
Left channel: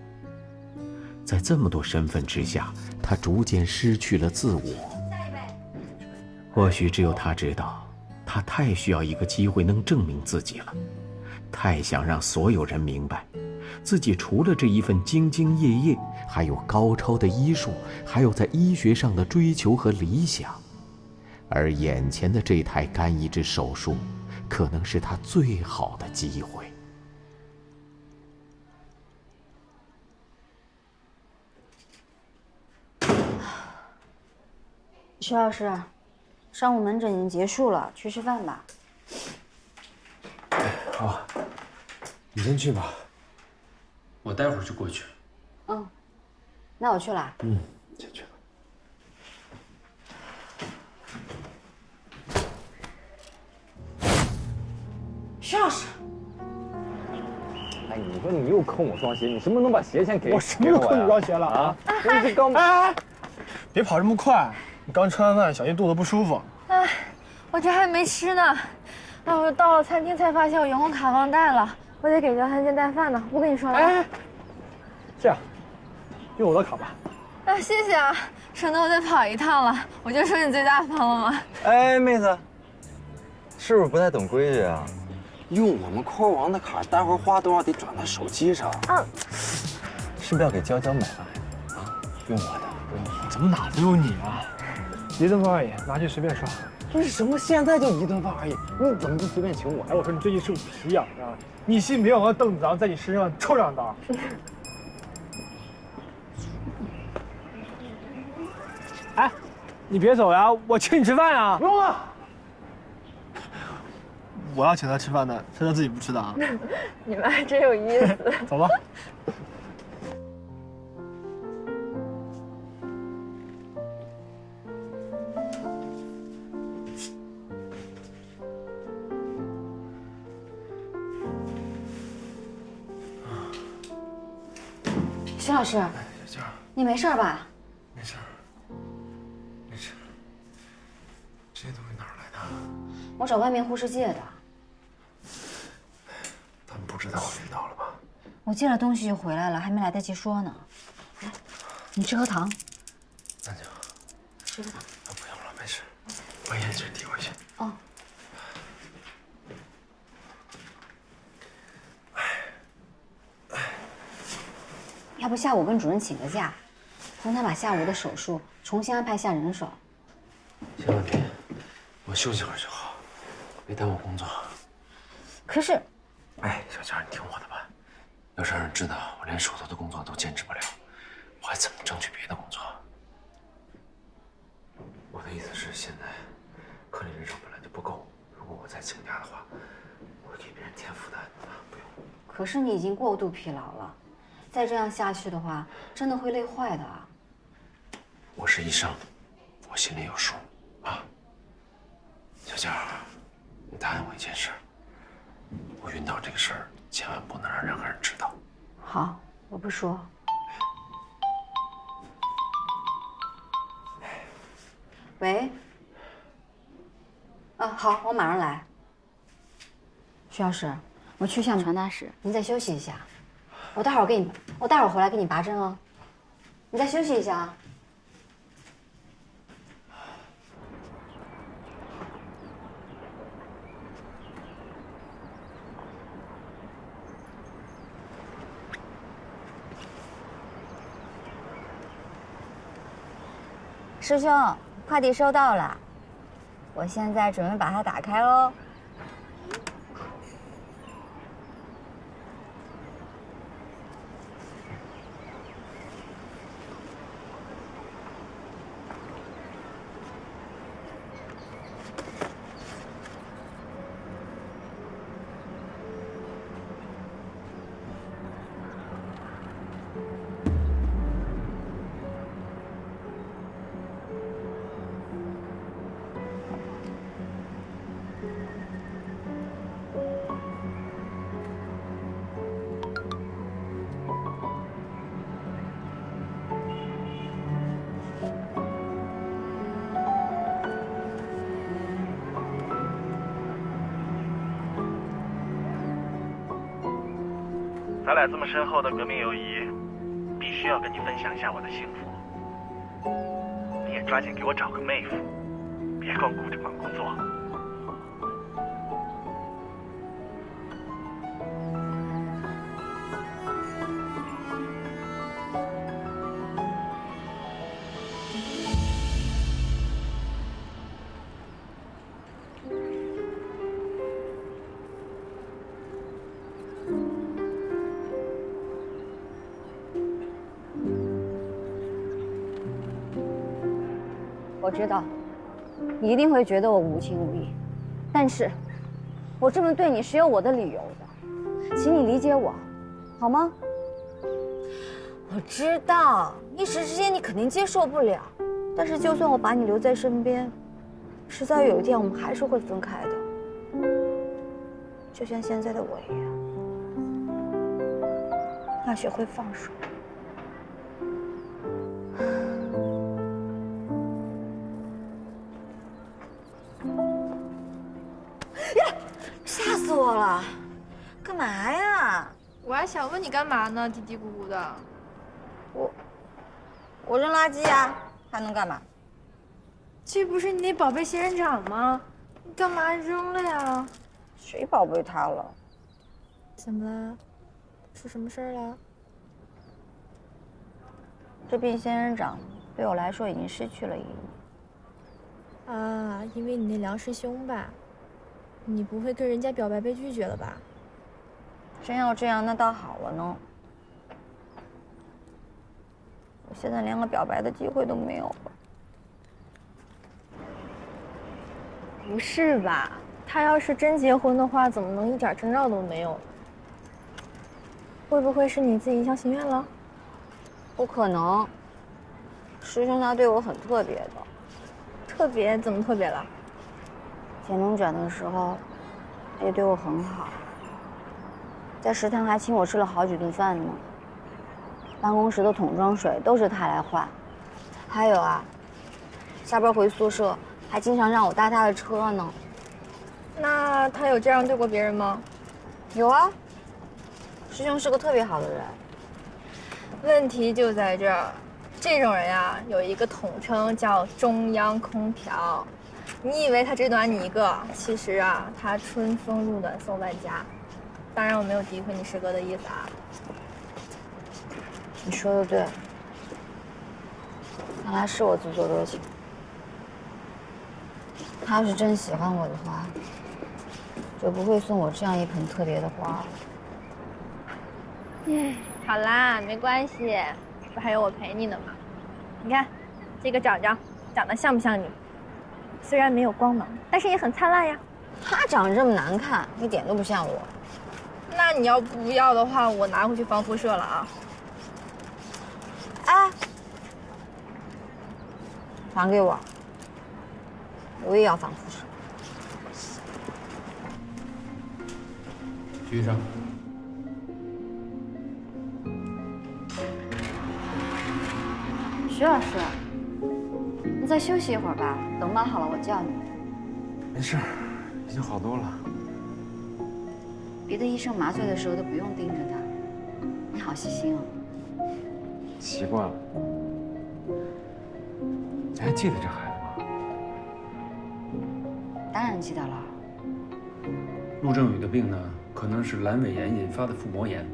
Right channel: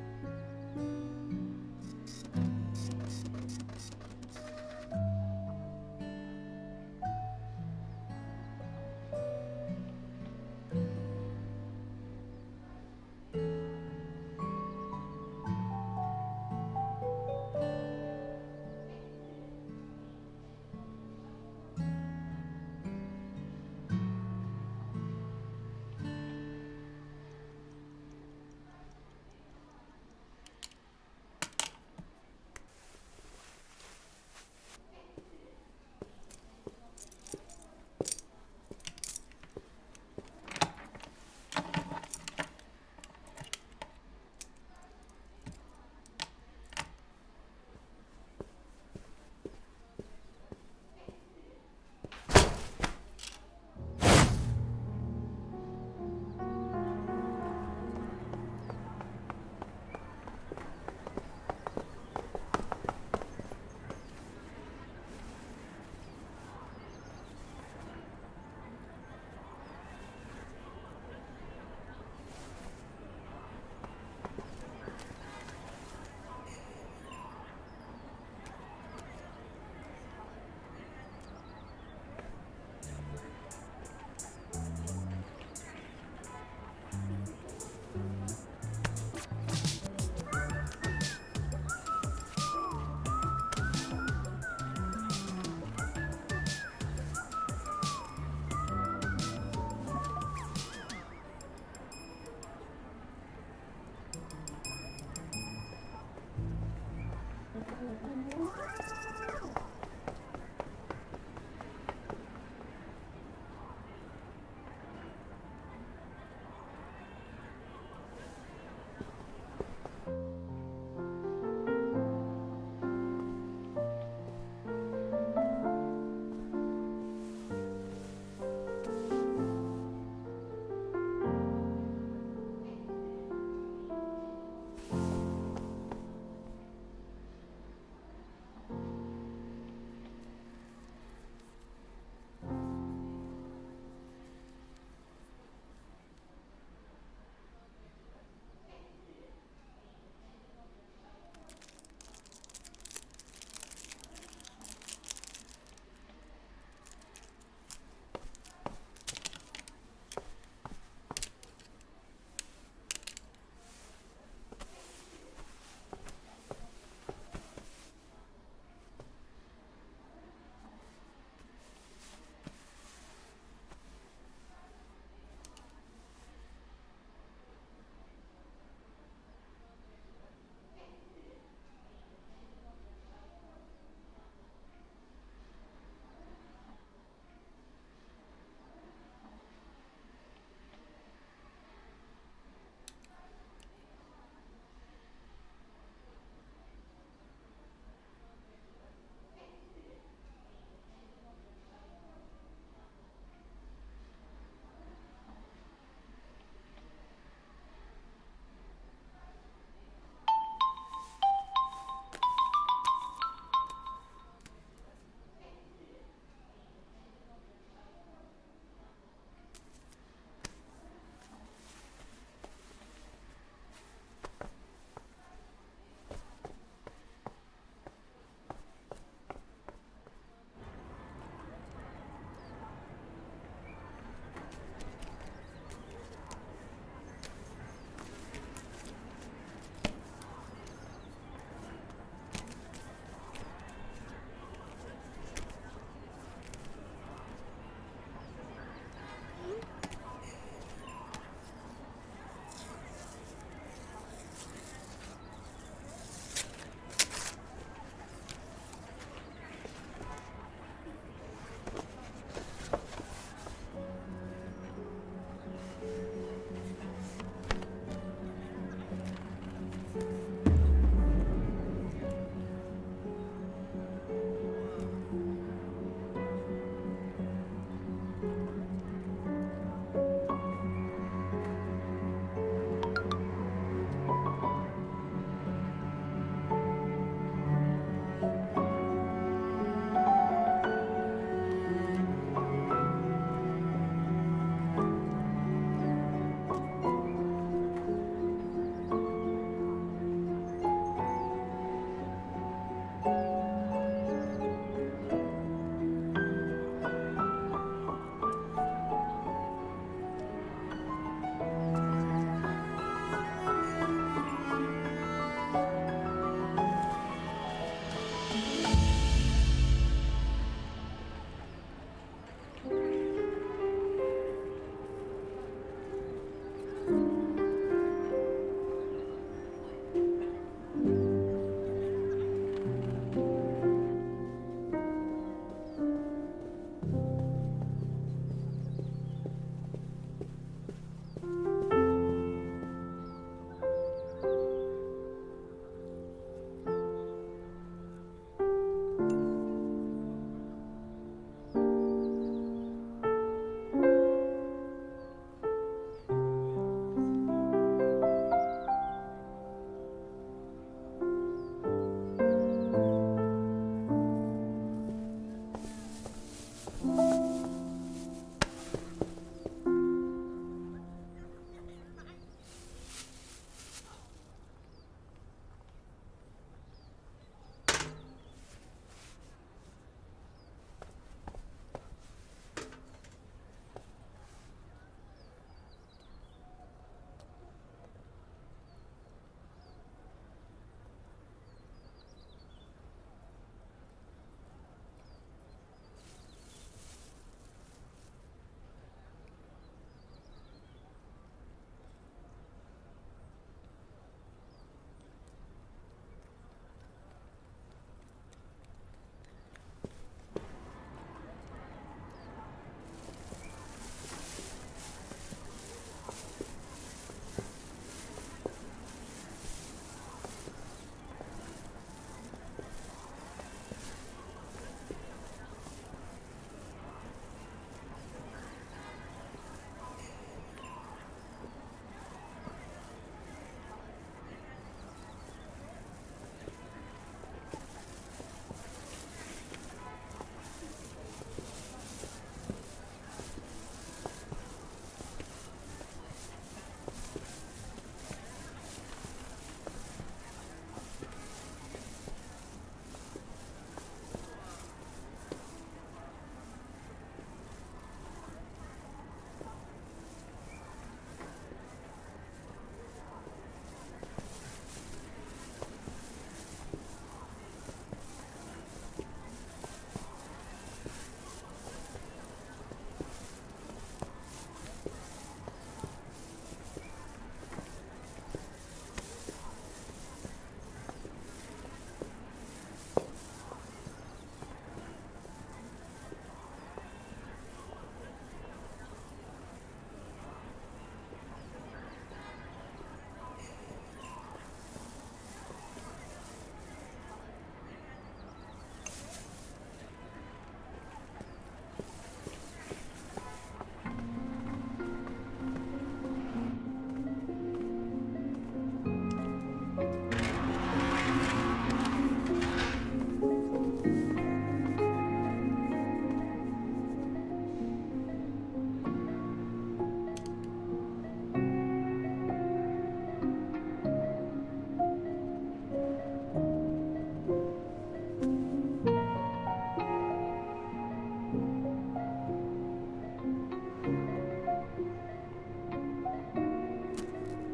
在这么多身份之下，他逐渐失去了自我。或许只有他知道，他太需要一个机会能证明自己了，太想让所有人明白，自己除了这一份兢兢业业，还有高超的医术，还有在医学上的追求和理想。而眼前的这台肝移植手术，可能是他最好的机会。徐老师，上午门诊已经结束了，去吃饭吧。好，你先去吧，我待会儿就过去。那我去了。先去。徐老师，哎，你说你又坑我双鞋，你什么时候能把鞋先给我？我什么时候坑你双鞋了啊？真是刚哎，别跑这么快，你刚吃完饭，小心肚子不舒服。哎，我这还没吃呢。哎，我到了餐厅才发现我员工卡忘带了，我得给姚餐先带饭呢。不跟你说了。哎，这样，用我的卡吧。哎，谢谢啊，省得我再跑一趟了。我就说你最大方了吗？哎，妹子，是不是不太懂规矩啊？用我们扣王的卡，待会儿花多少得转到手机上。啊，是不是要给娇娇买啊？用我的。怎么哪都有你啊？1顿饭而已，拿去随便刷。不是什么，现在就1顿饭而已，你怎么就随便请我？哎，我说你最近是不是皮痒啊？你信不信我邓子昂在你身上抽2刀？哎，你别走呀，我请你吃饭呀！不用了。我要请他吃饭的，是他自己不吃的啊。你们还真有意思。走吧。徐老师，你没事吧？没事，没事。这些东西哪儿来的？我找外面护士借的。他们不知道我遇到了吧？我借了东西就回来了，还没来得及说呢。来，你吃颗糖。咱就吃颗糖。不用了，没事。把眼镜递回去。哦。要不下午跟主任请个假，让他把下午的手术重新安排下人手。千万别，我休息会儿就好，别耽误工作。可是，哎，小佳，你听我的吧，要是让人知道我连手头的工作都坚持不了，我还怎么争取别的工作？我的意思是，现在科里人手本来就不够，如果我再请假的话，我会给别人添负担啊，不用。可是你已经过度疲劳了。再这样下去的话，真的会累坏的啊！我是医生，我心里有数，啊。小佳，你答应我一件事，我晕倒这个事儿，千万不能让任何人知道。好，我不说。喂。啊，好，我马上来。徐老师，我去向传达室，您再休息一下。我待会儿回来给你拔针哦。你再休息一下啊。师兄，快递收到了，我现在准备把它打开喽。咱俩这么深厚的革命友谊，必须要跟你分享一下我的幸福。你也抓紧给我找个妹夫，别光顾着忙工作。我知道，你一定会觉得我无情无义，但是，我这么对你是有我的理由的，请你理解我，好吗？我知道，一时之间你肯定接受不了，但是就算我把你留在身边，迟早有一天我们还是会分开的，就像现在的我一样，要学会放手。吓死我了！干嘛呀？我还想问你干嘛呢，嘀嘀咕咕的。我扔垃圾呀，还能干嘛？这不是你那宝贝仙人掌吗？你干嘛扔了呀？谁宝贝它了？怎么了？出什么事儿了？这片仙人掌对我来说已经失去了意义。啊，因为你那梁师兄吧？你不会跟人家表白被拒绝了吧？真要这样，那倒好了呢。我现在连个表白的机会都没有了。不是吧？他要是真结婚的话，怎么能一点征兆都没有？会不会是你自己一厢情愿了？不可能，师兄他对我很特别的。特别？怎么特别了？天龙转的时候，也对我很好，在食堂还请我吃了好几顿饭呢。办公室的桶装水都是他来换，还有啊，下班回宿舍还经常让我搭他的车呢。那他有这样对过别人吗？有啊，师兄是个特别好的人。问题就在这儿，这种人呀，有一个统称叫中央空调。你以为他只暖你一个，其实啊，他春风入暖送万家。当然，我没有诋毁你师哥的意思啊。你说的对，看来是我自作多情。他要是真喜欢我的话，就不会送我这样一盆特别的花了。好啦，没关系，不还有我陪你呢吗？你看，这个长得像不像你？虽然没有光芒，但是也很灿烂呀。他长得这么难看，一点都不像我。那你要不要的话，我拿回去防辐射了啊。哎，还给我，我也要防辐射。徐医生。徐老师，你再休息一会儿吧，等麻好了我叫你。没事，已经好多了。别的医生麻醉的时候都不用盯着他，你好细心哦。习惯了。你还记得这孩子吗？当然记得了。陆正宇的病呢，可能是阑尾炎引发的腹膜炎。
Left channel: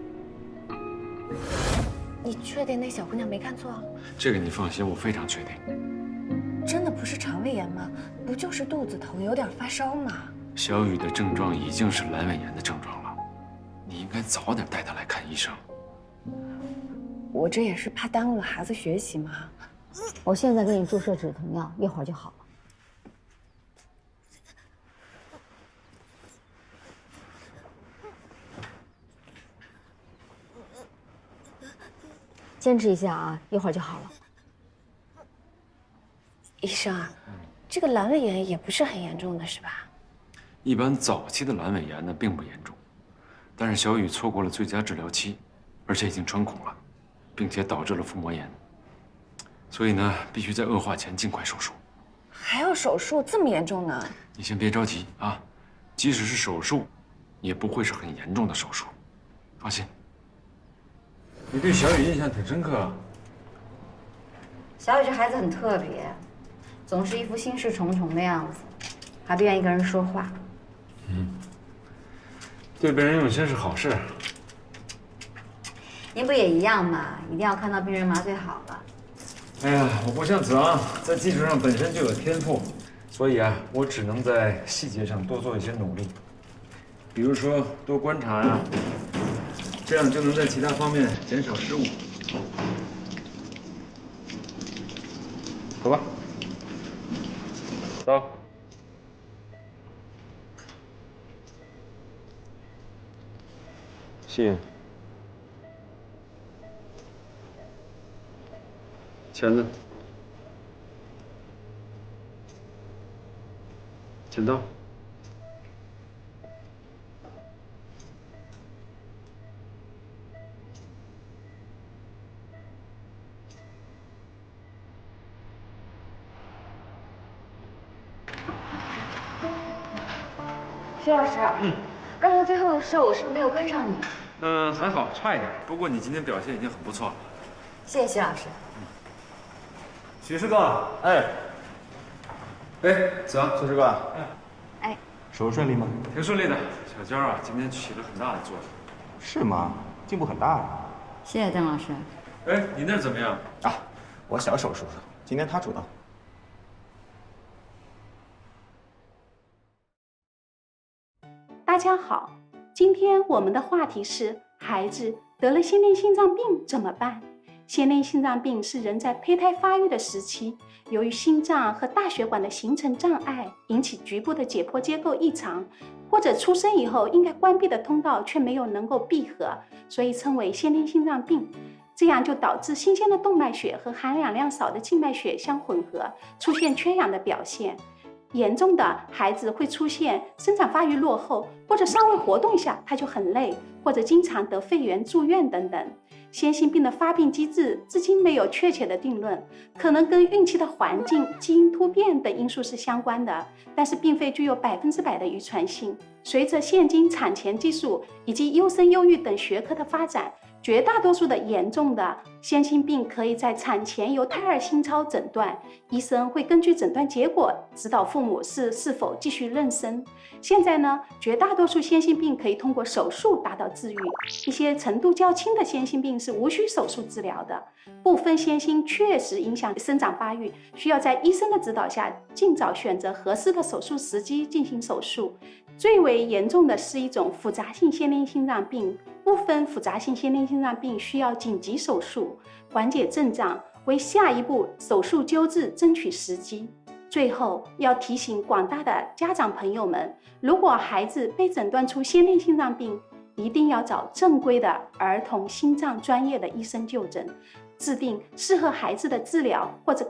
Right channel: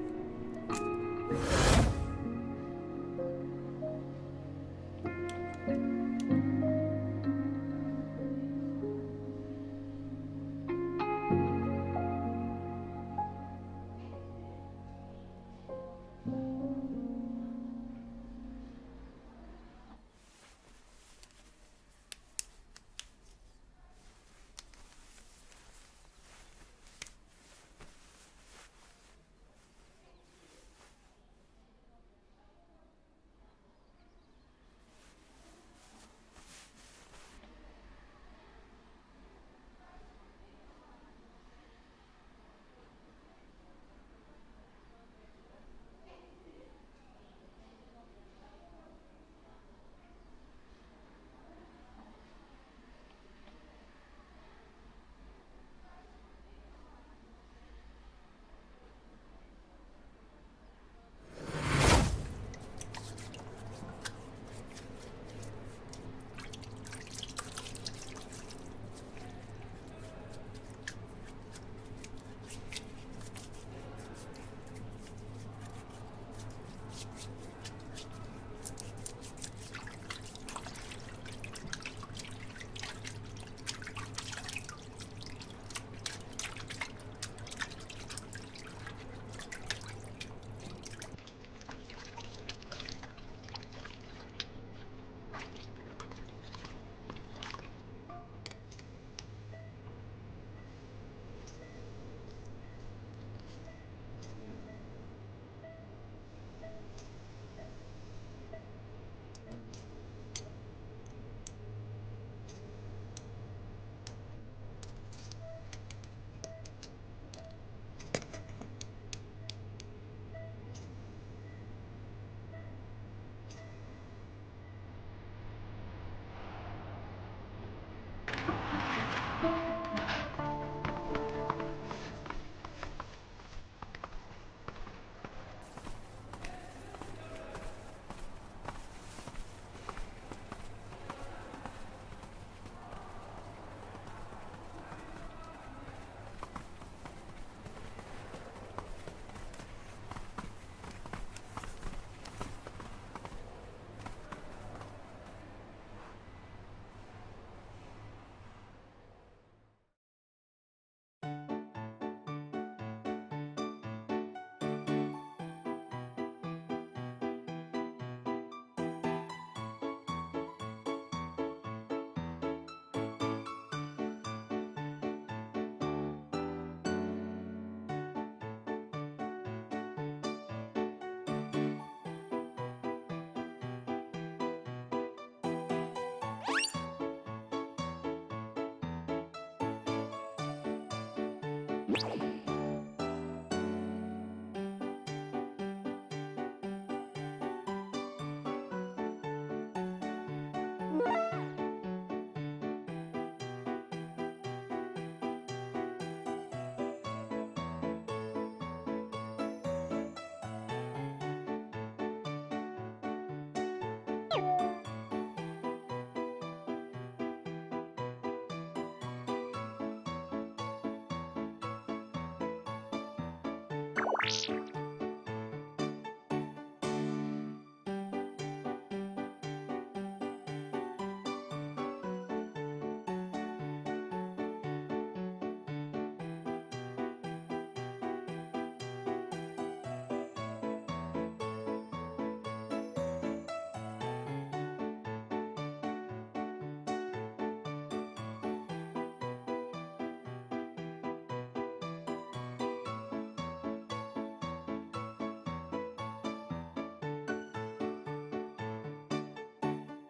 你确定那小姑娘没看错？这个你放心，我非常确定。真的不是肠胃炎吗？不就是肚子疼，有点发烧吗？小雨的症状已经是阑尾炎的症状了，你应该早点带她来看医生。我这也是怕耽误了孩子学习嘛。我现在给你注射止疼药，一会儿就好了。坚持一下啊，一会儿就好了。医生啊，这个阑尾炎也不是很严重的，是吧？一般早期的阑尾炎呢并不严重，但是小雨错过了最佳治疗期，而且已经穿孔了，并且导致了腹膜炎，所以呢必须在恶化前尽快手术。还要手术，这么严重呢？你先别着急啊，即使是手术，也不会是很严重的手术，放心。你对小雨印象挺深刻啊。小雨这孩子很特别，总是一副心事重重的样子，还不愿意跟人说话。对病人用心是好事。您不也一样吗？一定要看到病人麻醉好了。哎呀，我不像子昂，在技术上本身就有天赋，所以啊，我只能在细节上多做一些努力，比如说多观察呀，这样就能在其他方面减少失误。走吧，走。信。钳子。剪刀。徐老师，刚才最后的时候我是不是没有跟上你？还好，差一点。不过你今天表现已经很不错了。谢谢徐老师。徐师哥，哎，子阳，徐师哥，哎，手术顺利吗？挺顺利的，小娇啊，今天起了很大的作用。是吗？进步很大啊。谢谢邓老师。哎，你那儿怎么样？啊，我小手术，今天他主刀。大家好，今天我们的话题是孩子得了先天心脏病怎么办？先天心脏病是人在胚胎发育的时期，由于心脏和大血管的形成障碍，引起局部的解剖结构异常，或者出生以后应该关闭的通道却没有能够闭合，所以称为先天心脏病。这样就导致新鲜的动脉血和含氧量少的静脉血相混合，出现缺氧的表现。严重的孩子会出现生长发育落后，或者稍微活动下他就很累，或者经常得肺炎住院等等。先心病的发病机制至今没有确切的定论，可能跟孕期的环境、基因突变等因素是相关的，但是并非具有100%的遗传性。随着现今产前技术以及优生优育等学科的发展，绝大多数的严重的先心病可以在产前由胎儿心超诊断，医生会根据诊断结果指导父母是否继续妊娠。现在呢，绝大多数先心病可以通过手术达到治愈，一些程度较轻的先心病是无需手术治疗的。部分先心确实影响生长发育，需要在医生的指导下尽早选择合适的手术时机进行手术。最为严重的是一种复杂性先天心脏病，部分复杂性先天心脏病需要紧急手术，缓解症状，为下一步手术救治争取时机。最后要提醒广大的家长朋友们，如果孩子被诊断出先天心脏病，一定要找正规的儿童心脏专业的医生就诊，制定适合孩子的治疗或者